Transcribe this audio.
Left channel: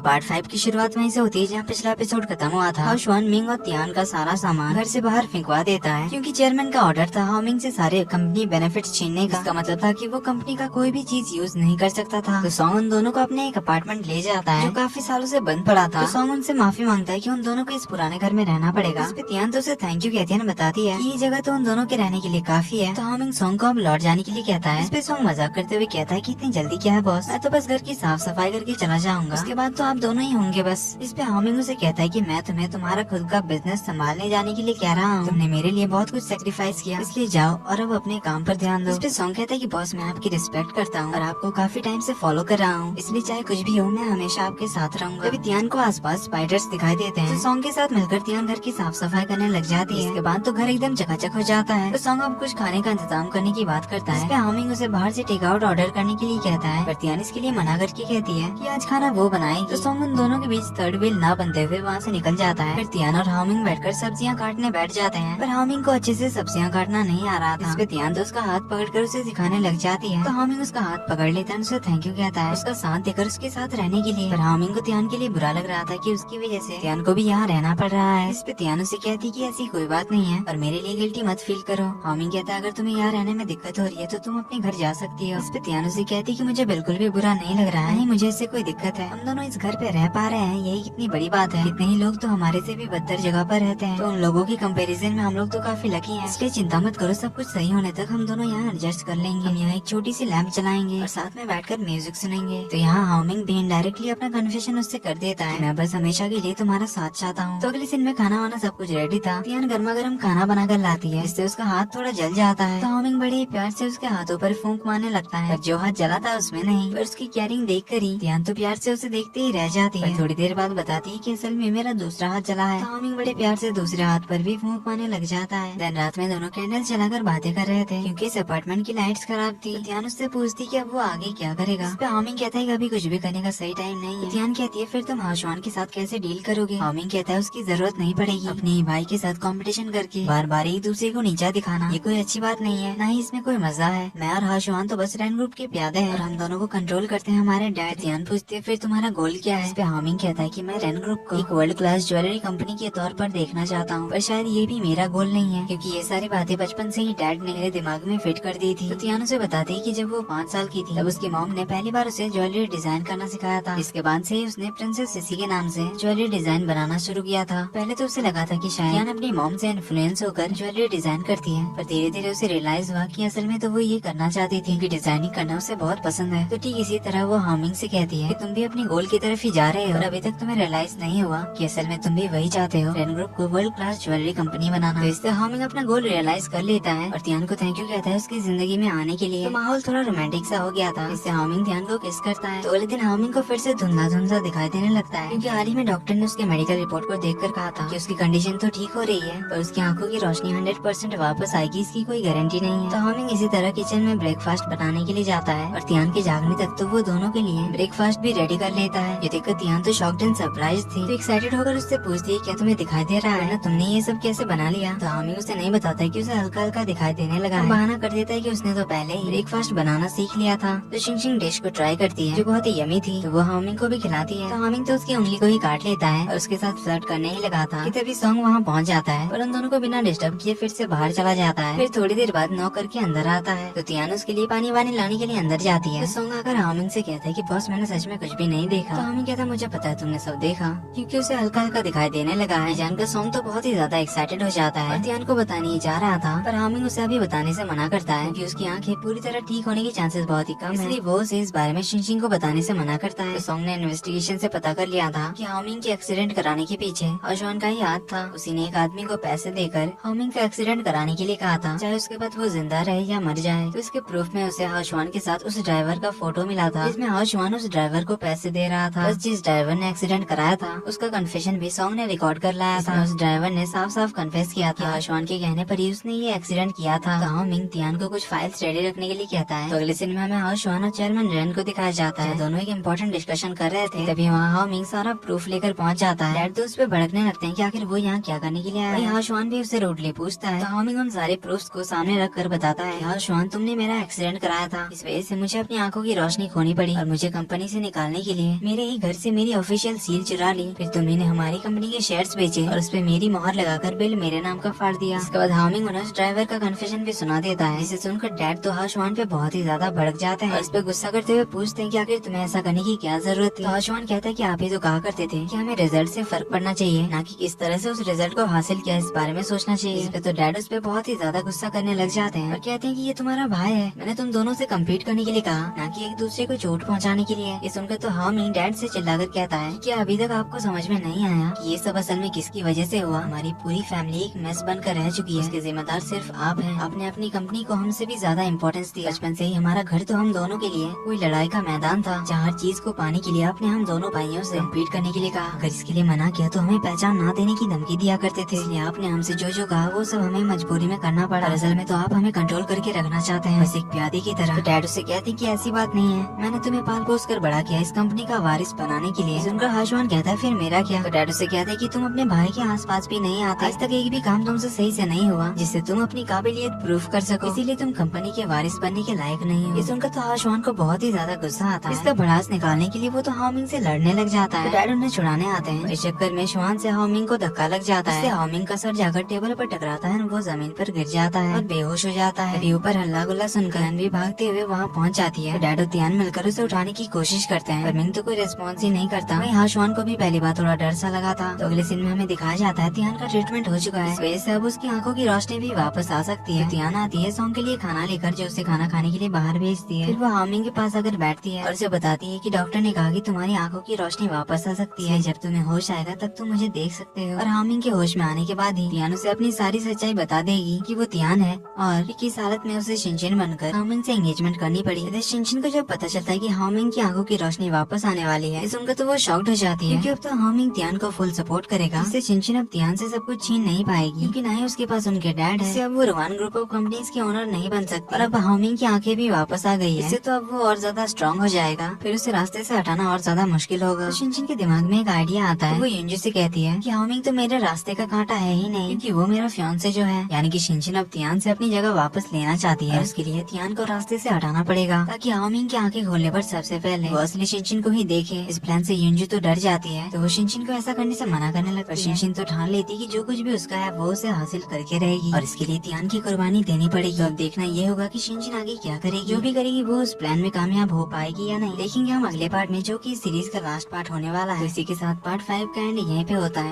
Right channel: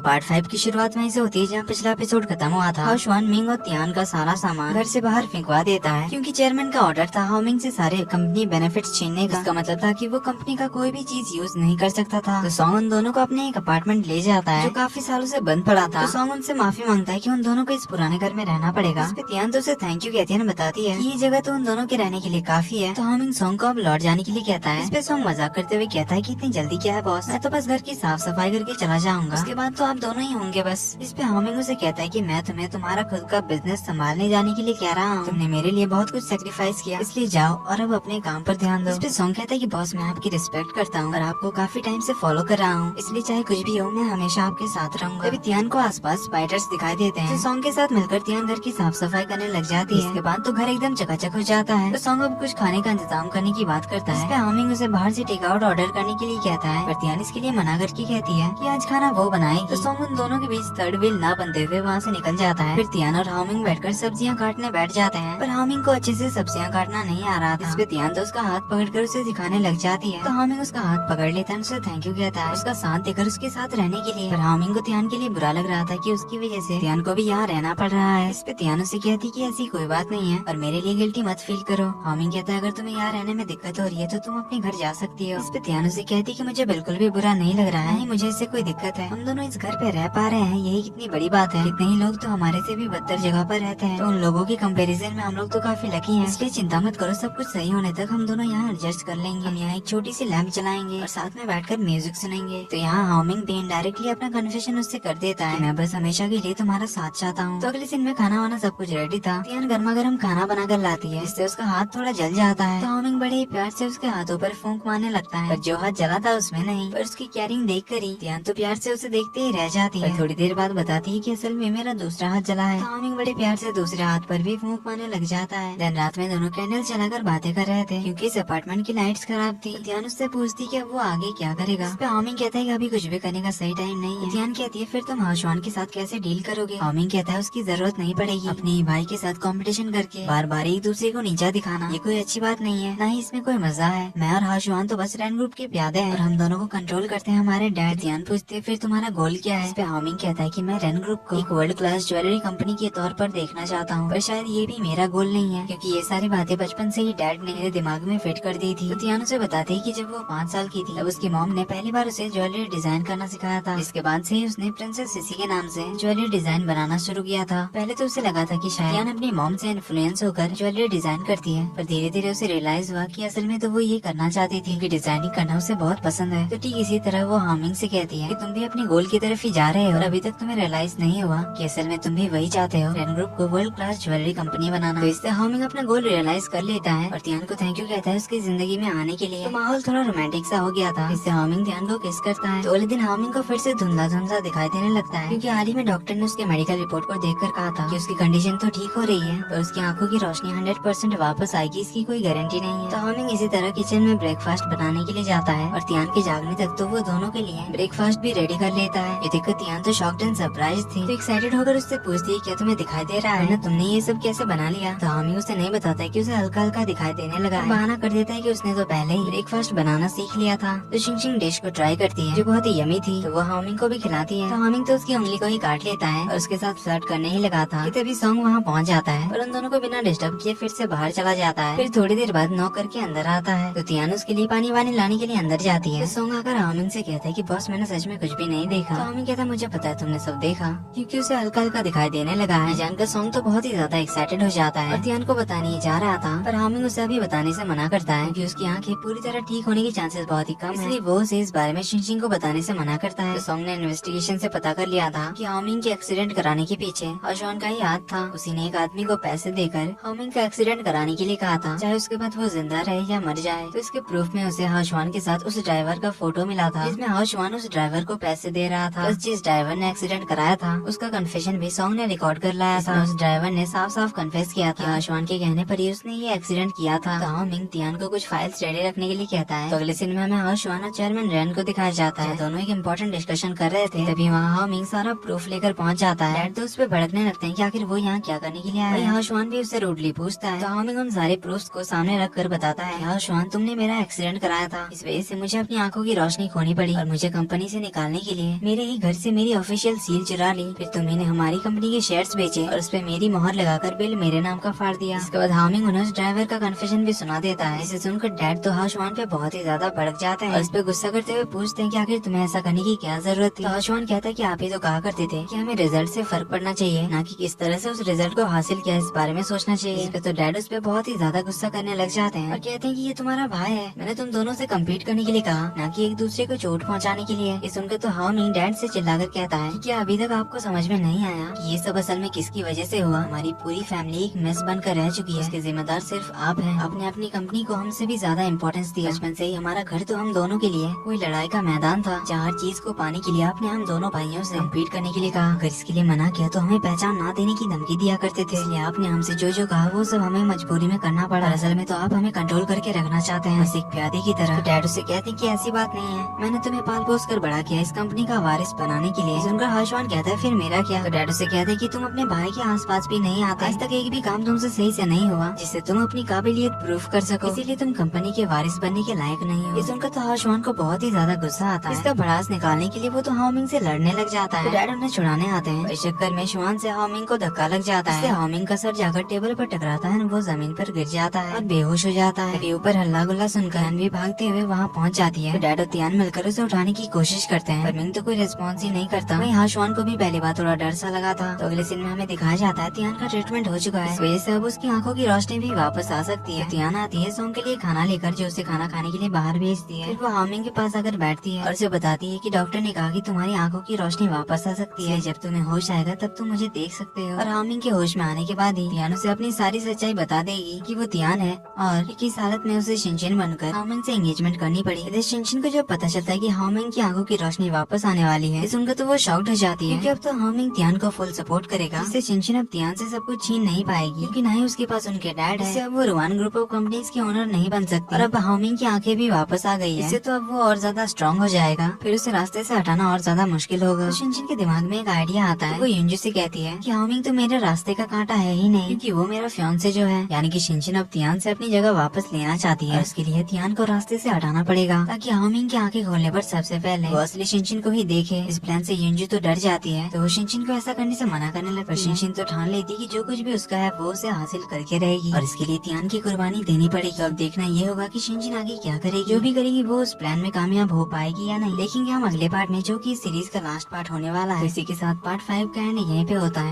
Part 5 की शुरुआत वहीं से होती है जहाँ पिछला एपिसोड खत्म हुआ था। हाओशुआन मिंग और तियान का सारा सामान घर से बाहर फेंकवा देता है क्योंकि चेयरमैन का ऑर्डर था हाओमिंग से सारे कंपनी बेनिफिट्स छीनने का। इसका मतलब था कि वो कंपनी का कोई भी चीज यूज नहीं कर सकता था। तो सॉन्ग उन दोनों को अपने एक अपार्टमेंट ले जाता है जो काफी सालों से बंद पड़ा था। तो सॉन्ग उनसे माफी मांगता है कि उन दोनों को इस पुराने घर में रहना पड़ेगा। इस पे तियान तो उसे थैंक यू कहती है, बताती है कि ये जगह तो उन दोनों के रहने के लिए काफी है। तो हाओमिंग सॉन्ग को अब लौट जाने के लिए कहता है। इस पे सॉन्ग मजाक करते हुए कहता है कि इतनी जल्दी क्या है बॉस, मैं तो बस घर की साफ सफाई करके चला जाऊंगा, उसके बाद तो आप दोनों ही होंगे बस। इस पे हाओमिंग उसे कहता है कि मैं तुम्हें तुम्हारा खुद का बिजनेस संभालने जाने के लिए कह रहा हूँ, तुमने मेरे लिए बहुत कुछ सेक्रीफाइस किया, इसलिए जाओ और अब अपने काम पर ध्यान दो। इस पे सॉन्ग कहता है कि बॉस मैं आपकी रिस्पेक्ट करता हूँ और आपको काफी टाइम से फॉलो कर रहा हूँ, इसलिए चाहे कुछ भी हो मैं हमेशा आपके साथ रहूंगा। तभी तियान को आसपास स्पाइडर्स दिखाई देते हैं। तो सॉन्ग के साथ मिलकर तियान घर की साफ सफाई करने लग जाती है। इसके बाद तो घर एकदम चकाचक हो जाता है। तो सॉन्ग अब कुछ खाने का इंतजाम करने की बात करता है। इस पे हाओमिंग उसे बाहर से टेक आउट ऑर्डर करने के लिए कहता है, पर तियान इसके लिए मना करके कहती है कि आज खाना वो बनाएगी। तो सॉन्ग उन दोनों के बीच थर्ड व्हील ना बनते हुए वहाँ से निकल जाता है। फिर तियान और हाओमिंग बैठकर सब्जियां काटने बैठ जाते हैं, पर हाओमिंग को अच्छे से सब्जियां काटना नहीं आ रहा था। इस पे तियान तो उसका हाथ पकड़कर उसे सिखाने लग जाती है। तो हाओमिंग उसका हाथ पकड़ लेता है, उसे थैंक यू कहता है उसका साथ देकर उसके साथ रहने के लिए। पर हाओमिंग को तियान के लिए बुरा लग रहा था कि उसकी वजह से तियान को भी यहाँ रहना पड़ रहा है। इस पे तियान उसे कहती कि ऐसी कोई बात नहीं है और मेरे लिए गिल्टी मत फील करो। हाओमिंग कहता है अगर तुम्हें यहाँ रहने में दिक्कत हो रही है तो तुम अपने घर जा सकती हो। इस पे तियान उसे कहती कि मुझे बिल्कुल भी बुरा नहीं लग रहा है, मुझे इससे कोई दिक्कत है, हम दोनों इस घर पे रह पा रहे हैं यही कितनी बड़ी बात है। कितने ही लोग तो हमारे से भी बदतर जगह पर रहते हैं, तो उन लोगों के कंपैरिजन में हम लोग तो काफी लकी हैं, इसलिए चिंता मत करो, सब कुछ सही होने तक हम दोनों यहाँ एडजस्ट कर लेंगे। हम यहाँ एक छोटी सी लैंप चलाएंगे और साथ में बैठकर म्यूजिक सुनेंगे। तो यहाँ हाओमिंग भी इनडायरेक्टली अपना कन्फेशन उससे कर देता है, मैं बस हमेशा के लिए तुम्हारा साथ चाहता हूँ। तो अगले दिन में खाना वाना सब कुछ रेडी था। तियान गर्मा गर्म खाना बना कर लाती है, इससे उसका हाथ थोड़ा जल जाता है। तो हाओमिंग बड़े प्यार से उसके हाथों पर फूंक मारने लगता है, पर जो हाथ जला था उसमें नहीं, पर उसकी केयरिंग देख कर ही तियान तो प्यार से उसे देखते ही रह जाती है। थोड़ी देर बाद बताती है कि असल में मेरा दूसरा हाथ जला है। तो हाओमिंग बड़े प्यार से दूसरे हाथ पर भी फूंक मारने लग जाता है। दिन रात में दोनों कैंडल जलाकर बातें कर रहे थे क्योंकि इस अपार्टमेंट की लाइट्स खराब थी। तियान उससे पूछती कि अब वो आगे क्या करेगा। इस पे हाओमिंग कहता है कि अभी कुछ भी करने का सही टाइम नहीं है। तियान कहती है फिर तुम हाओशुआन के साथ कैसे डील करोगे। हाओमिंग कहता है उसकी जरूरत नहीं पड़ेगी, अपने भाई के साथ कंपटीशन करके बार बार एक दूसरे को नीचा दिखाना ये कोई अच्छी बात नहीं है, न ही इसमें कोई मजा है। मैं और हाओशुआन तो बस रेन ग्रुप के प्यादे हैं और हम दोनों को कंट्रोल करते हैं हमारे डैड। तियान पूछती है फिर तुम्हारा गोल क्या है। इस पे हाओमिंग कहता है कि मैं रेन ग्रुप को एक वर्ल्ड क्लास ज्वेलरी कंपनी के तौर पर देखना चाहता हूँ, पर शायद ये भी मेरा गोल नहीं है क्योंकि ये सारी बातें बचपन से ही डैड ने मेरे दिमाग में फिट कर दी थी। तो तियान उसे बताती है कि जब वो 5 साल की थी तब उसकी मॉम ने पहली बार उसे ज्वेलरी डिजाइन करना सिखाया था। इसके बाद से ही उसने प्रिंसेस सिसी के नाम से ज्वेलरी डिजाइन बनाना शुरू किया था। पहले तो उसे लगा था कि शायद तियान अपनी मॉम से इन्फ्लुएंस होकर ज्वेलरी डिजाइन करती है, पर धीरे धीरे उसे रियलाइज हुआ कि असल में तो वो ये करना चाहती थी कि डिजाइनिंग करना उसे बहुत पसंद है। तो ठीक इसी तरह वो हाओमिंग से कहती है कि तुम भी अपने गोल की तरफ ही जा रहे हो और अभी तक तुम्हें रियलाइज नहीं हुआ कि असल में तुम भी वही चाहते हो, रेन ग्रुप को वर्ल्ड क्लास ज्वेलरी कंपनी बनाना। तो इससे हाओमिंग अपना गोल रियलाइज कर लेता है और तियान को थैंक यू कहता है उसकी जिंदगी में आने के लिए। तो माहौल थोड़ा रोमांटिक सा हो गया था, इससे हाओमिंग तियान को किस करता है। तो अगले दिन हाओमिंग को फिर से धुंधला धुंधला दिखाई देने लगता है क्योंकि हाल ही में डॉक्टर ने उसके मेडिकल रिपोर्ट को देखकर कहा था कि उसकी कंडीशन तो ठीक हो रही है पर उसकी आंखों की रोशनी 100% वापस आएगी इसकी कोई गारंटी नहीं है। तो हाओमिंग इसी तरह किचन में ब्रेकफास्ट बनाने के लिए जाता है और तियान के जागने तक तो वो दोनों के लिए ब्रेकफास्ट भी रेडी कर लेता है। ये देखकर तियान तो शॉक्ड एंड सरप्राइज थी, तो एक्साइटेड होकर उससे पूछती है क्या तुम्हें दिखाई दे रहा है ना, तुमने ये सब कैसे बना लिया। तो हाओमिंग उसे नहीं बताता है कि उसे हल्का हल्का दिखाई देने लगा है। बहाना कर देता है कि उसने तो पहले ही ब्रेकफास्ट बनाना सीख लिया था। तो शिंग डिश को ट्राई करती है जो बहुत ही यमी थी, तो वो हाओमिंग को भी खिलाती है। तो हाओमिंग तो उसकी उंगली को ही काट लेता है और उसके साथ फ्लर्ट करने ही लगा था कि तभी सॉन्ग वहाँ पहुँच जाता है और उन दोनों को बिना डिस्टर्ब किए फिर से बाहर चला जाता है। फिर थोड़ी देर बाद नॉक करके अंदर आता है तो तियान उसके लिए पानी वानी लाने के लिए अंदर जाती है। सॉन्ग आकर हाओमिंग से कहता है कि बॉस मैंने सच में कुछ भी नहीं देखा। तो हाओमिंग कहता है मुझे पता है तुमने सब देखा, क्योंकि उसे हल्का हल्का दिखाई देने लगा है। जानकर सॉन्ग तो बहुत ही ज्यादा एक्साइटेड हो जाता है और तियान को बताने जा रहा था, पर हाओमिंग उसे अभी बताने से मना करता है कि उसकी आंखें पूरी तरह ठीक होने के चांसेस बहुत ही कम है, इसलिए वो उसे इस बारे में शिंग को बताने से मना करता है। तो सॉन्ग ने इन्वेस्टिगेशन से पता कर लिया था कि हाओमिंग के एक्सीडेंट कराने के पीछे हाओशुआन का ही हाथ था। उसी ने एक आदमी को पैसे देकर हाओमिंग का एक्सीडेंट कराने के लिए कहा था, चाहे उसके बाद वो जिंदा रहे या मर जाए। तो इसके प्रूफ में उसे हाओशुआन के साथ उस ड्राइवर का फोटो मिला था जिसमें हाओशुआन उस ड्राइवर को पैसे दे रहा था। जिस ड्राइवर ने एक्सीडेंट कराया था उसका कन्फेशन भी सॉन्ग ने रिकॉर्ड कर लाया था। उस ड्राइवर ने साफ साफ कन्फेस किया था हाओशुआन के कहने पर ही उसने ये एक्सीडेंट किया था। तो हाओमिंग तियान को कुछ फाइल्स रेडी रखने के लिए कहता है। तो अगले सिनेमा में हाओशुआन और चेयरमैन रेन को दिखाया जाता है। दोनों एक इम्पोर्टेंट डिस्कशन कर रहे थे, तभी वहाँ हाओमिंग सारा प्रूफ लेकर पहुँच जाता है। डैड तो उस पे भड़कने लगते हैं कि आखिर वो यहाँ क्या करने के लिए आया है। हाओशुआन भी उससे रूडली पूछता है। तो हाओमिंग उन सारे प्रूफ्स को सामने रख कर बताता है, हाओशुआन तुमने मेरा एक्सीडेंट कराया था, इस वजह से मुझे अपनी आंखों की रोशनी खोनी पड़ी और मुझे कंपनी से निकालने के लिए मेरे ही घर से मेरी ऑफिशियल सील चुरा ली, फिर तुमने हमारी कंपनी के शेयर्स बेचे और उसपे मेरी मोहर लगाकर बिल मेरे नाम का फाड़ दिया। इसके बाद हामिंग उन्हें ड्राइवर का कन्फेशन भी सुना देता है, जिसे सुनकर डैड तो हाशवान पे बहुत ही ज्यादा भड़क जाता है। इस पे गुस्सा करते हुए पूछते हैं कि आखिर तुम्हें ऐसा करने की क्या जरूरत थी। तो हाशवान कहता है कि आप ही तो कहा करते थे कि हमें रिजल्ट से फर्क पड़ना चाहिए, ना कि किस तरह से उस रिजल्ट को हासिल किया, इस बारे में सोचना चाहिए। इस पे तो डैड उस पे बहुत ही ज्यादा गुस्सा करने लग जाते हैं और कहते हैं कि ये तुम्हारा भाई है, मैंने तुम दोनों से कम्पीट करने के लिए कहा, ना कि एक दूसरे को चोट पहुंचाने के लिए। ये सुनकर तो हामिंग डैड से चिल्लाकर कहता है कि क्या अभी तक आपको समझ में नहीं आया कि ये सब असल में किसकी वजह से हुआ। हमारी पूरी फैमिली एक मेस बनकर रह चुकी है, इसके जिम्मेदार सिर्फ आप हैं। आपने अपनी कंपनी को हमसे भी ज्यादा इम्पोर्टेंस दी। बचपन से ही हमारा घर तो हम दोनों के लिए कोई लड़ाई का मैदान था, जहाँ हर चीज को पाने के लिए आपने हम दोनों भाइयों से कम्पीट करने के लिए कहा। अगर इसके लिए मना किया तो हमें पहचान ना देने की धमकी दिया करते थे, इसलिए आपने हमसे जो जो कहा वो सब हमें मजबूरी में करना पड़ा। असल में तो आप हमें कंट्रोल करके रखना चाहते हैं, बस एक प्यादे की तरह। तो डैड उसे कहते हैं कि ऐसी बात नहीं है, मैंने तुम्हें पाल पोस कर बड़ा किया इस कंपनी का वारिस बनाने के लिए। सुनकर हाशवान कहता है फिर मेरा क्या। तो डैड उसे कहते हैं कि तुम अपने भाई के आसपास भी नहीं आते, आज तक एक भी काम तुमसे सही से नहीं हुआ जिससे तुम अपनी काबिलियत प्रूफ कर सको, इसीलिए तुम कंपनी के वारिस बनने के लायक नहीं हो। ये सुनकर तो हाशवान को बहुत ही ज्यादा गुस्सा आता है। इसका भड़ास निकालने के लिए वो तो हामिंग से लड़ने लग जाता है। डैड उन्हें छुड़ाने आते हैं, इस चक्कर में शुआन से हामिंग को धक्का लग जाता है। हामिंग का सर जाकर टेबल पर टकराता है, वो जमीन पर गिर जाता है और बेहोश हो जाता है। अभी ऊपर हल्ला गुल्ला सुनकर भी भागते हुए वहाँ पहुँच जाती है। डैड और तियान मिलकर उसे उठाने की कोशिश करते हैं, पर मिंग तो कोई रिस्पॉन्स ही नहीं करता। वहीं हाशवान को भी पहली बार थोड़ा डर सा लगा था। तो अगले सीन में हमें दिखाया जाता है तियान का ट्रीटमेंट हो चुका है, इस वजह से अब उसकी आंखों की रोशनी भी वापस आ सकती है। तियान आती है सॉन्ग के लिए खाना लेकर, जो उसे खाना खाने के लिए बाहर भेजती है। फिर वो हामिंग के पास आकर बैठती है और उसे बताती है कि डॉक्टर ने कहा कि तुम्हारी आंखों की रोशनी वापस आ सकती है, जब तुम्हें होश आएगा तब तुम मुझे देख सकते हो। और हामिंग के होश में आने के बाद ही तियान उसे अपनी सारी सच्चाई बता देगी कि वो तियान है और किस हालत में उसे शिनशिन बनकर हामिंग से एंगेजमेंट करनी पड़ी। इधर शिनशिन को जब पता चलता है कि हामिंग की आंखों की रोशनी वापस आने वाली है, सुनकर तो वो शॉक्ड हो जाती है, क्योंकि अब तो हामिंग तियान को फुल सपोर्ट करेगा। इससे शिनशिन अब तियान से सब कुछ छीन नहीं पाएगी, क्योंकि न ही उसके पास उनके डैड है। इससे अब वो रुवान ग्रुप ऑफ कंपनीज के ओनर नहीं बन सकती और अब हामिंग की आंखें भी वापस आ गई है। इससे तो अब वो और ज्यादा स्ट्रॉन्ग हो जाएगा, फिर उसे रास्ते से हटाना और ज्यादा मुश्किल होगा। तो शिनशिन के दिमाग में एक आइडिया आता है। वो युंजी से कहती है कि हामिंग तो मेरे रास्ते का कांटा है ही नहीं, क्योंकि वो मेरा फियांसे जो है। यानी कि शिनशिन अब तियान से अपनी जगह वापस लेना चाहती है। उसके लिए तियान को रास्ते से हटाना पड़ेगा, ताकि हामिंग की आंखें खोलने पर सबसे पहले वो असली शिनशिन को ही देखे। इस प्लान से युंजी तो डर जाती है, तो वो शिनशिन को ऐसा करने से मना करने लगती है। शिनशिन तो ठान लेती कि जो कुछ भी उसका है वो उसे हासिल करके रहेगी, और इसके लिए तियान की कुर्बानी देनी पड़ेगी। अब देखना ये होगा कि शिनशिन आगे क्या करेगी। जो भी करेगी वो उस प्लान में कामयाब हो पाएगी या नहीं, देखेंगे हम अगले पार्ट में, जो कि सीरीज का लास्ट पार्ट होने वाला है। इसी के साथ पार्ट 5 का एंड यहीं पे होता है।